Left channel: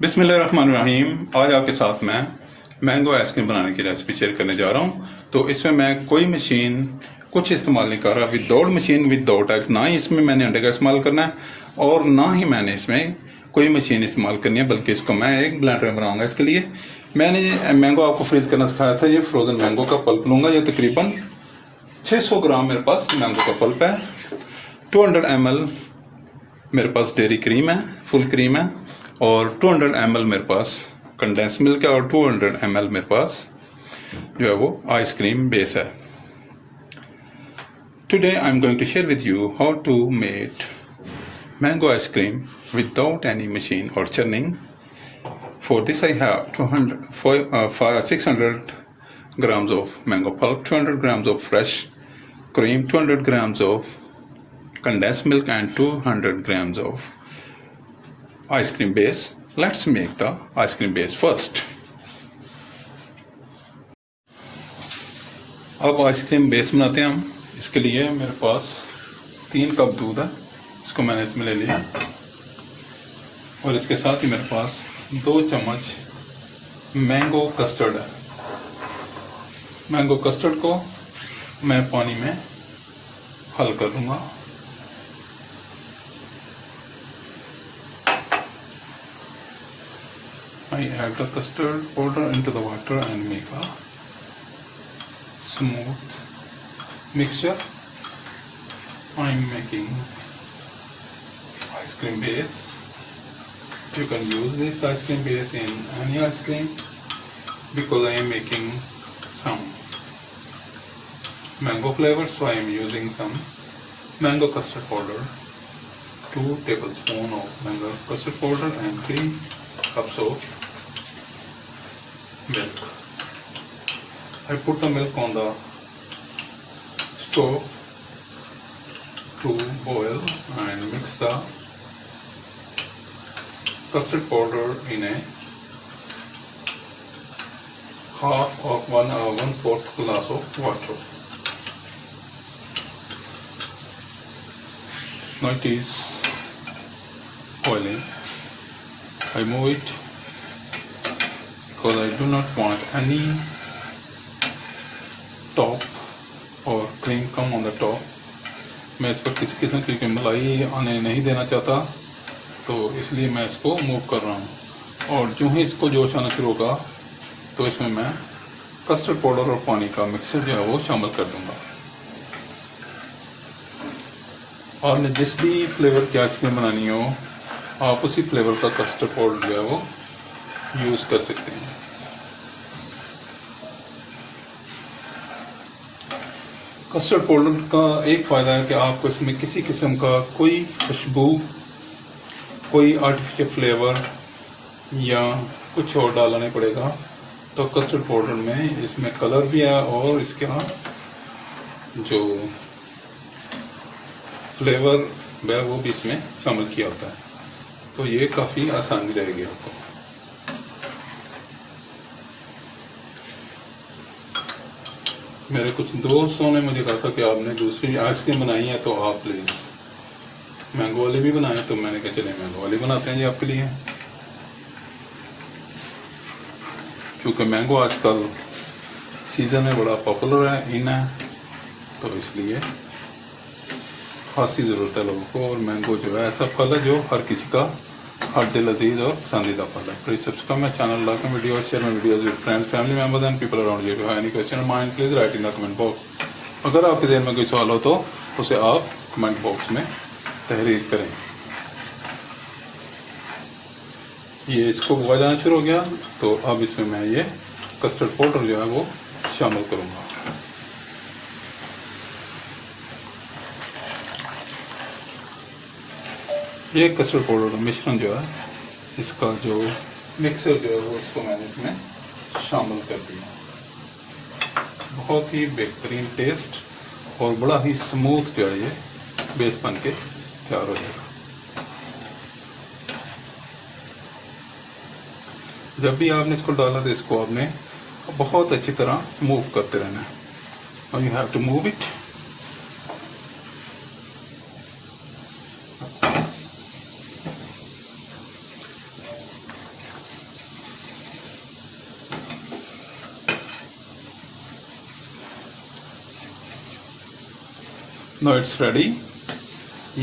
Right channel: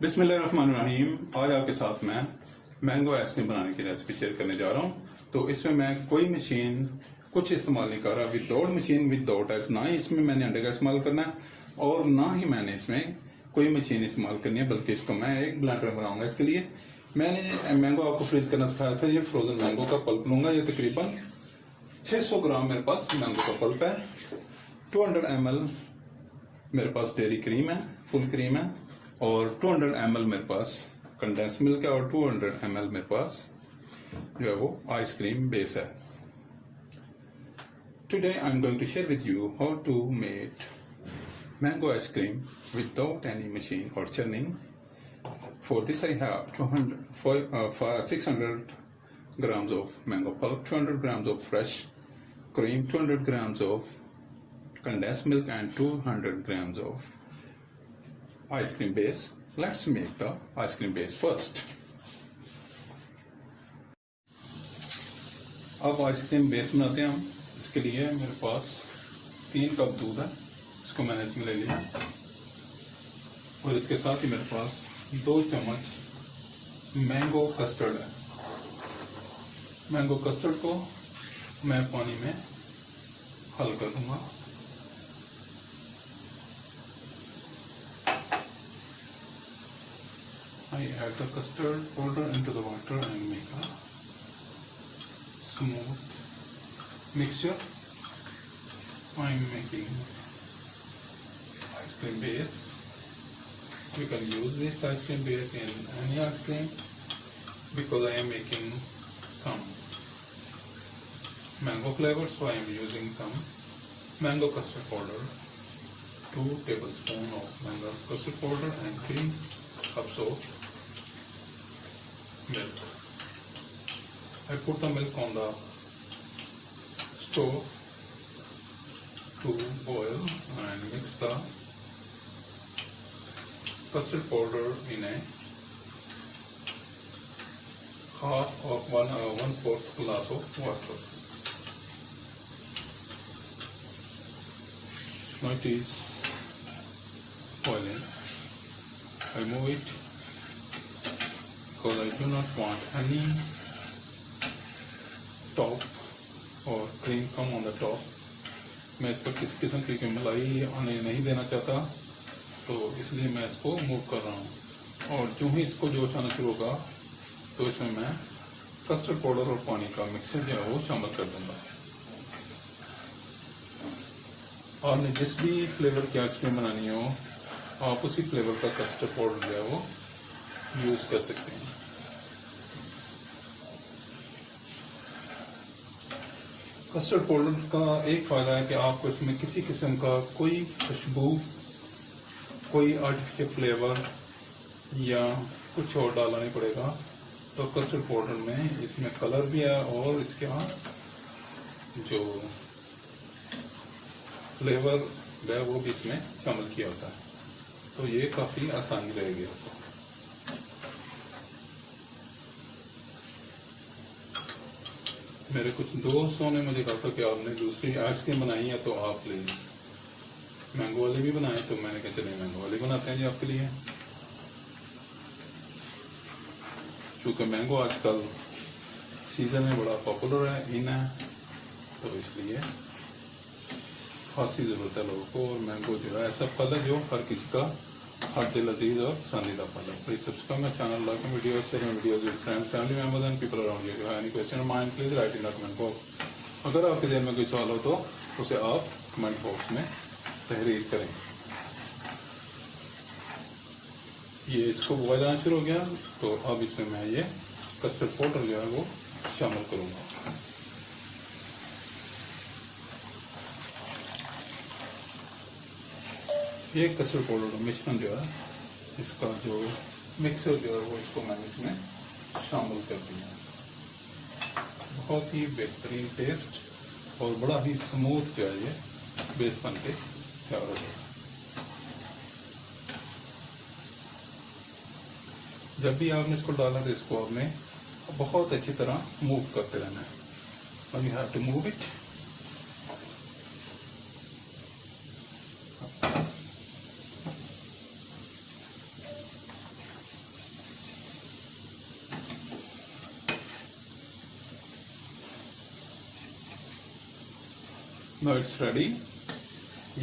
बिस्मिल्लाहिर्रहमानिर्रहीम। आज आपके साथ मैं मैंगो आइसक्रीम बनाने की रेसिपी शेयर करने जा रहा हूँ। तो इसमें मैं कोई मशीन कुछ इस्तेमाल नहीं कर रहा, विदाउट मशीन विदाउट एग। ना ही इसमें मैंने अंडे का इस्तेमाल करना है और ना ही मैंने इसमें कोई मशीन इस्तेमाल करनी है, बल्कि इसको मैं एक ब्लेंडर में बनाऊँगा। इसके लिए मैंने मैंगो आपको फ्रीज करना सिखाया था। ये फ्रोज़न मैंगो का पल्प लूँगा। ये तकरीबन 600 ग्राम मेरे पास मैंगो का पल्प है। 200 ml मेरे पास डेयरी क्रीम है, फुल क्रीम है, और 200 ml मेरे पास कंडेंस मिल्क है, और 200 ml मेरे पास जो है वो आइसक्रीम बेस है। Today I am going to share with you how to make mango ice cream without any machine और churning. For this I have 600 grams of mango pulp, 200 grams of fresh cream, 200 grams of condensed milk, and 200 grams of ice cream base. Let's make the ice cream base first. अब ice cream base बनाते हैं हम। इसके लिए मेरे पास 3 कप दूध है, इसको मैंने इसमें ले लिया, और इसके साथ ही मेरे पास 2 चम्मच मैंगो कस्टर्ड है। मैंगो कस्टर्ड को मैं पानी में हल कर दूंगा। I add the custard powder into the water and make a smooth mixture. I am making ice cream base. You can use this ice cream base in any ice cream, because I am making some mango flavor, so I am using some mango custard powder. 2 tablespoons of mango custard powder and 3 cups of milk. I put the milk on the stove to boil and mix the custard powder in a half of 1/4 glass of water. Now it is boiling. I move it because I do not want any top or cream come on the top. मैं इस पर किसी किस्म की मलाई आने नहीं देना चाहता, तो इसलिए मैं इसको मूव कर रहा हूँ। और जो ही इसको जोश आना शुरू होगा तो इसमें मैं कस्टर्ड पाउडर और पानी का मिक्सर जो है वो शामिल कर दूँगा। और जिस भी फ्लेवर की आइसक्रीम बनानी हो, आप उसी फ्लेवर का कस्टर्ड पाउडर जो है वो यूज़ कर सकते हैं। कस्टर्ड पाउडर का एक फ़ायदा है कि आपको इसमें किसी किस्म का कोई खुशबू, कोई आर्टिफिशियल फ्लेवर या कुछ और डालना नहीं पड़ेगा। तो कस्टर्ड पाउडर में इसमें कलर भी है और इसका जो फ्लेवर है वो भी इसमें शामिल किया होता है, तो ये काफ़ी आसानी रहेगी आपको। मेरे कुछ दोस्तों ने मुझे कहा था कि आपने दूसरी आइसक्रीम बनाई है तो आप प्लीज़ मैंगो वाली भी बनाएं, तो मैंने कहा चलिए मैंगो वाली बनाते हैं जी आपके लिए। क्योंकि मैंगो आजकल सीज़न में बड़ा पॉपुलर है, इन है, तो इसलिए खासी ज़रूरत है लोगों को। और मैंगो जो है ऐसा फल है जो हर किसी का हर दिल अजीज़ और पसंदीदा फल है। Please subscribe my channel, like my video और share my videos with friends, family members and people around you. If you have any question mind please write in the comment box. अगर आपके ज़हन में कोई सवाल हो तो उसे आप कमेंट बॉक्स में तहरीर करें। ये इसको हुआ जाना शुरू हो गया, तो अब इसमें मैं ये कस्टर्ड पाउडर जो है वो शामिल करूँगा। ये कस्टर्ड पाउडर का मिश्रण जो है, इसका जो मिक्सर जो है वो इसको मैंने इसमें शामिल कर दिया। बहुत ही बेहतरीन टेस्ट और बड़ा ही स्मूथ जो है ये बेस बन के तैयार हो जाएगा। जब भी आपने इसको डाला तो इसको आपने बहुत अच्छी तरह मूव करते रहना है। और you have to move it. No it's ready.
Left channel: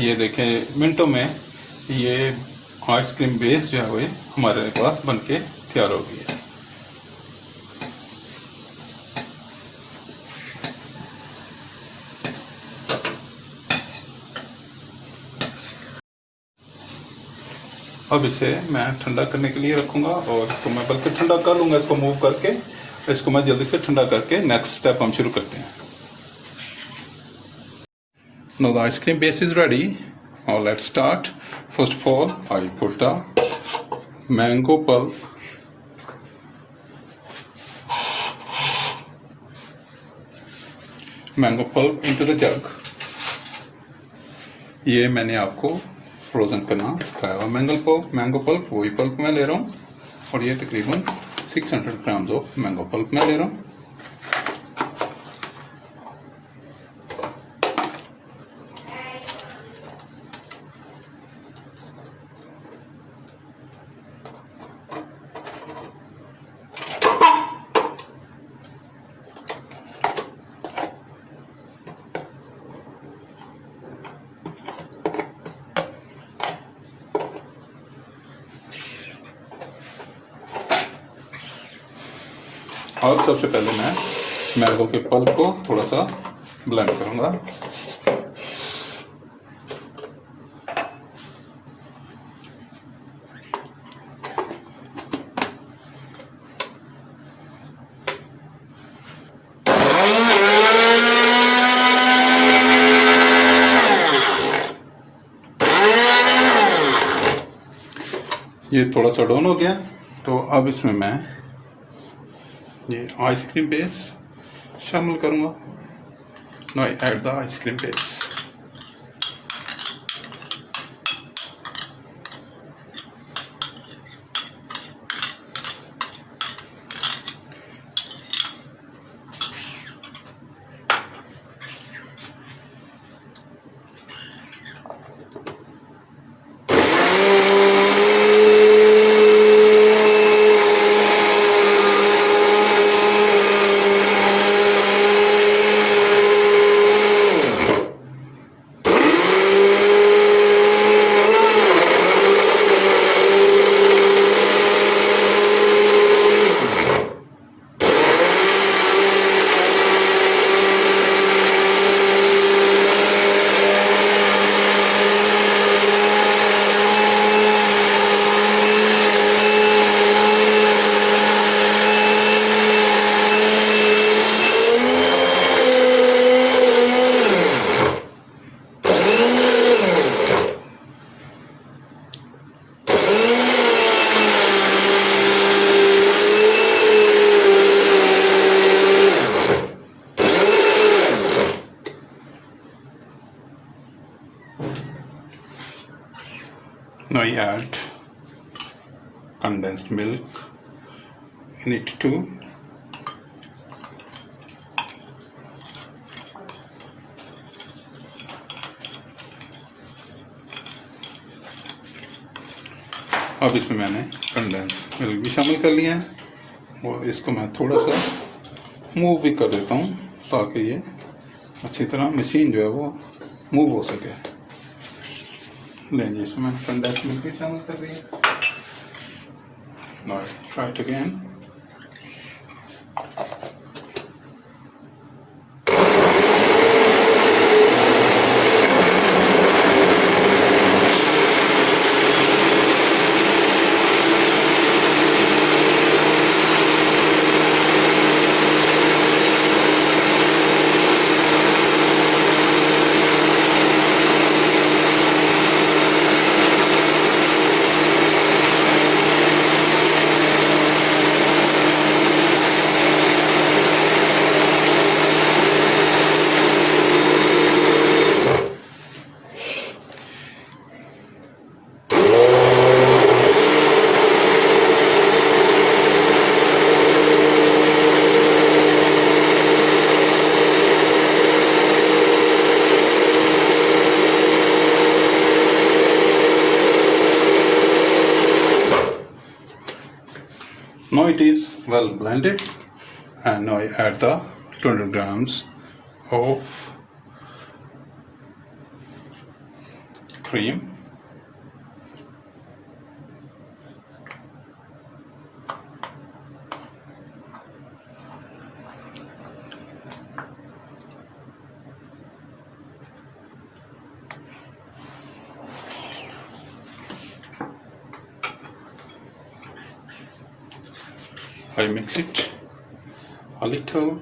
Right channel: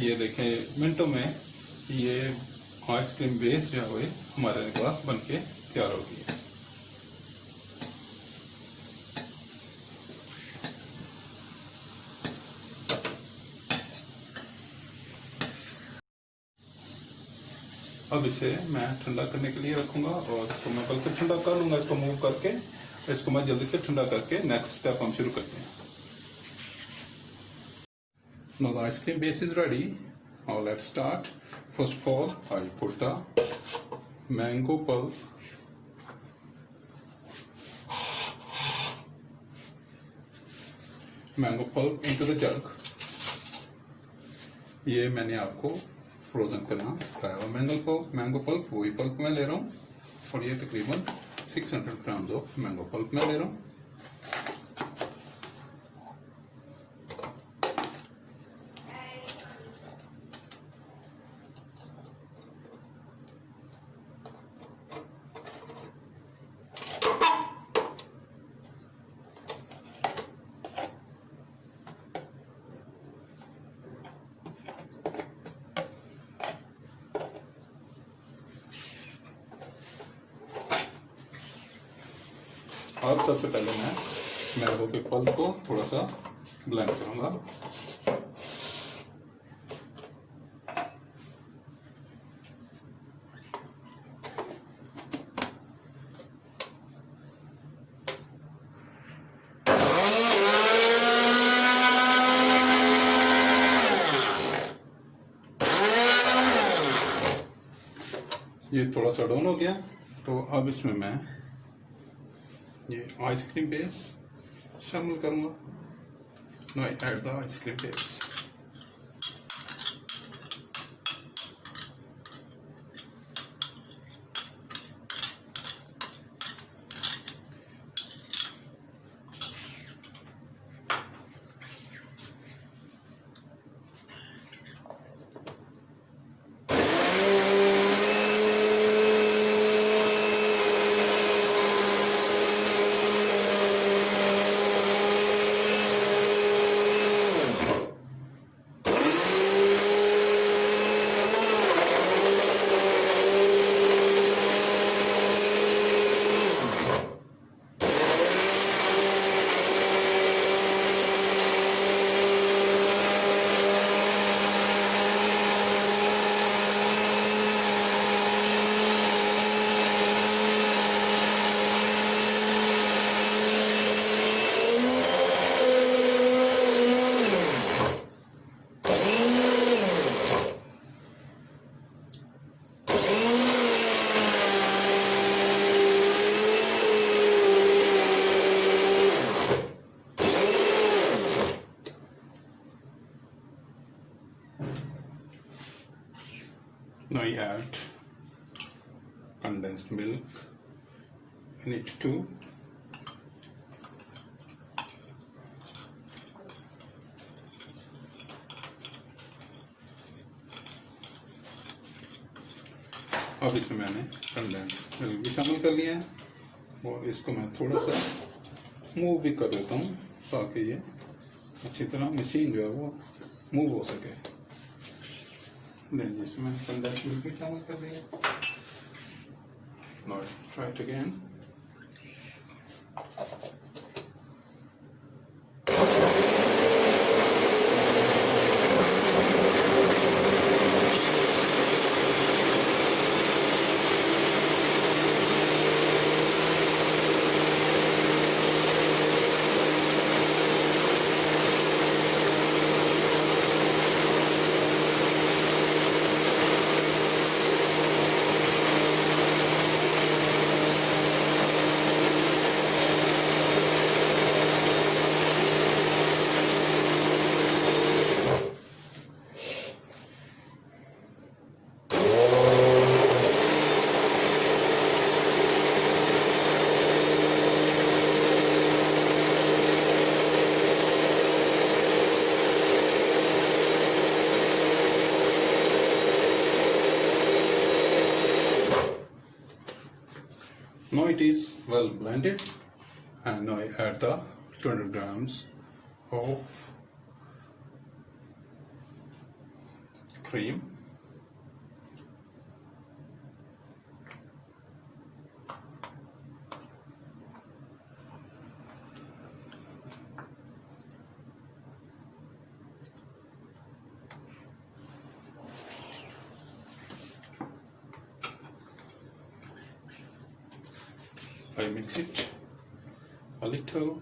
ये देखें मिनटों में ये आइसक्रीम बेस जो है वो हमारे पास बनके तैयार हो गई है। अब इसे मैं ठंडा करने के लिए रखूँगा और इसको मैं बल्कि ठंडा कर लूँगा, इसको मूव करके इसको मैं जल्दी से ठंडा करके नेक्स्ट स्टेप हम शुरू करते हैं। Now the ice cream base is ready. Now let's start. First of all, I put the mango pulp into the jug. ये मैंने आपको फ्रोज़न करना सिखाया हुआ मैंगो पल्प वही पल्प मैं ले रहा हूँ और ये तकरीबन 600 ग्राम्स ऑफ मैंगो पल्प मैं ले रहा हूँ। अब सबसे पहले मैं मैंगो के पल्प को थोड़ा सा ब्लेंड करूंगा। ये थोड़ा सा डाउन हो गया, तो अब इसमें मैं ये आइसक्रीम बेस शामिल करूँगा। Now I add the ice cream base. Now I add condensed milk in it too. अब इसमें मैंने कंडेंस मिल्क भी शामिल कर लिया है और इसको मैं थोड़ा सा मूव भी कर देता हूँ ताकि ये अच्छी तरह मशीन जो है वो मूव हो सके। लेंगे इसमें मैंने कंडेंस मिल्क भी शामिल कर दिया। Now try it again. Now it is well blended, and now I add the 200 grams of cream. I mix it a little.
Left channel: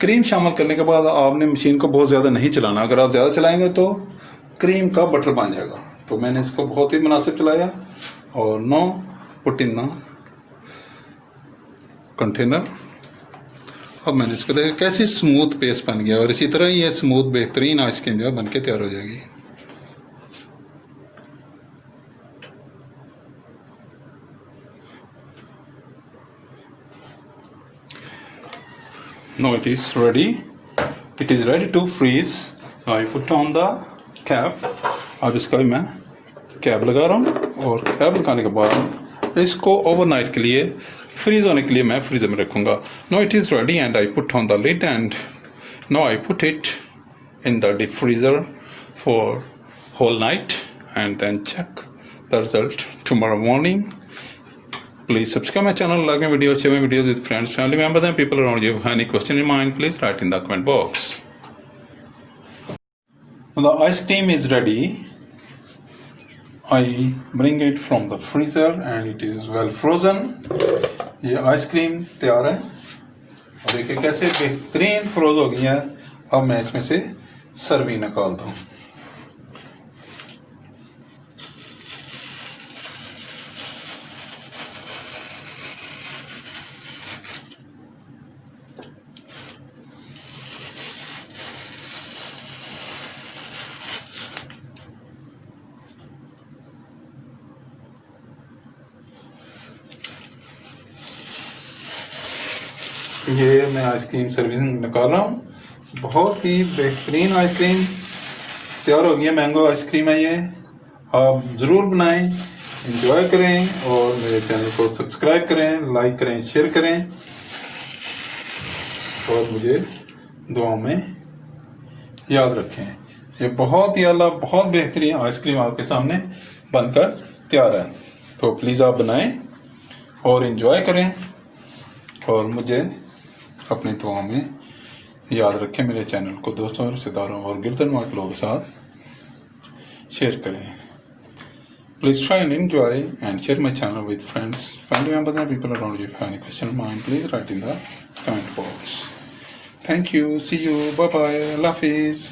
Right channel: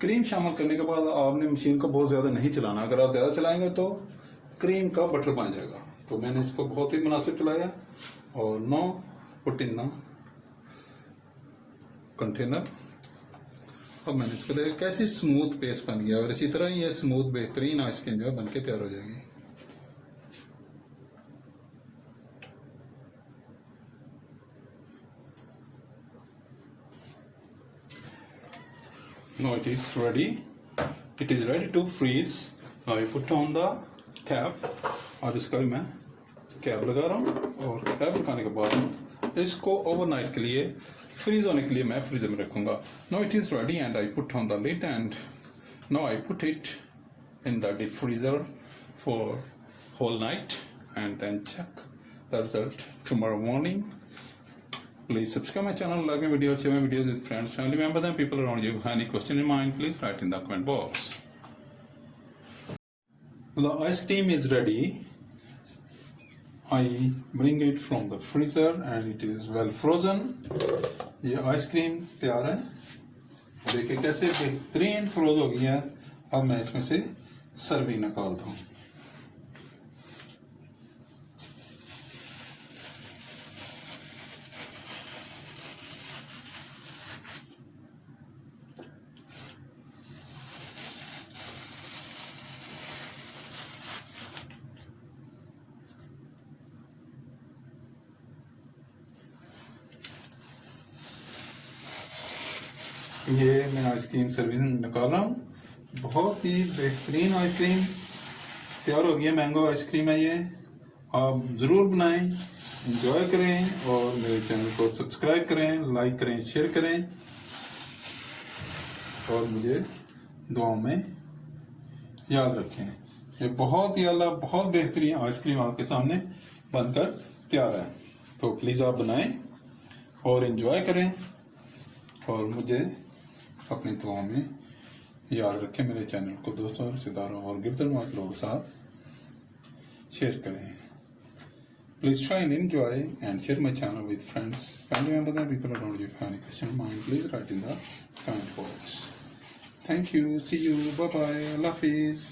Cream शामिल करने के बाद आपने मशीन को बहुत ज़्यादा नहीं चलाना। अगर आप ज़्यादा चलाएंगे तो क्रीम का बटर बन जाएगा। तो मैंने इसको बहुत ही मुनासिब चलाया और नो पुट इन कंटेनर। अब मैंने इसको देखा कैसी स्मूथ पेस्ट बन गया, और इसी तरह ये स्मूथ बेहतरीन आइसक्रीम जो है बन के तैयार हो जाएगी। Now it is ready. It is ready to freeze. Now I put on the cap. अब इसका भी मैं कैप लगा रहा हूँ, और कैप लगाने के बाद इसको ओवरनाइट के लिए फ्रीज होने के लिए मैं फ्रीजर में रखूँगा। Now it is ready and I put on the lid and now I put it in the deep freezer for whole night and then check the result tomorrow morning. Please subscribe my channel, like my video, share my videos with friends, family members and people around you. If you have any question in mind, please write in the comment box. When the ice cream is ready, I bring it from the freezer and it is well frozen. ये आइसक्रीम तैयार है, और देखिए कैसे बेहतरीन फ्रोज हो गई है। अब मैं इसमें से सर्विंग निकालता हूँ। ये मैं आइसक्रीम सर्विसिंग निकाल रहा हूँ। बहुत ही बेहतरीन आइसक्रीम तैयार हो गई है। मैंगो आइसक्रीम है ये। आप ज़रूर बनाएं, एंजॉय करें, और मेरे चैनल को सब्सक्राइब करें, लाइक करें, शेयर करें, और मुझे दुआ में याद रखें। ये बहुत ही आला, बहुत बेहतरीन आइसक्रीम आपके सामने बनकर तैयार है। तो प्लीज़ आप बनाएं और एंजॉय करें, और मुझे अपनी दुआ में याद रखें। मेरे चैनल को दोस्तों, रिश्तेदारों और गिरदनवार लोगों के साथ शेयर करें। Please try and enjoy and share my channel with friends, family members and people around you. If you have any question in mind, please write in the comment box. Thank you, see you, bye bye, अल्लाह हाफिज़।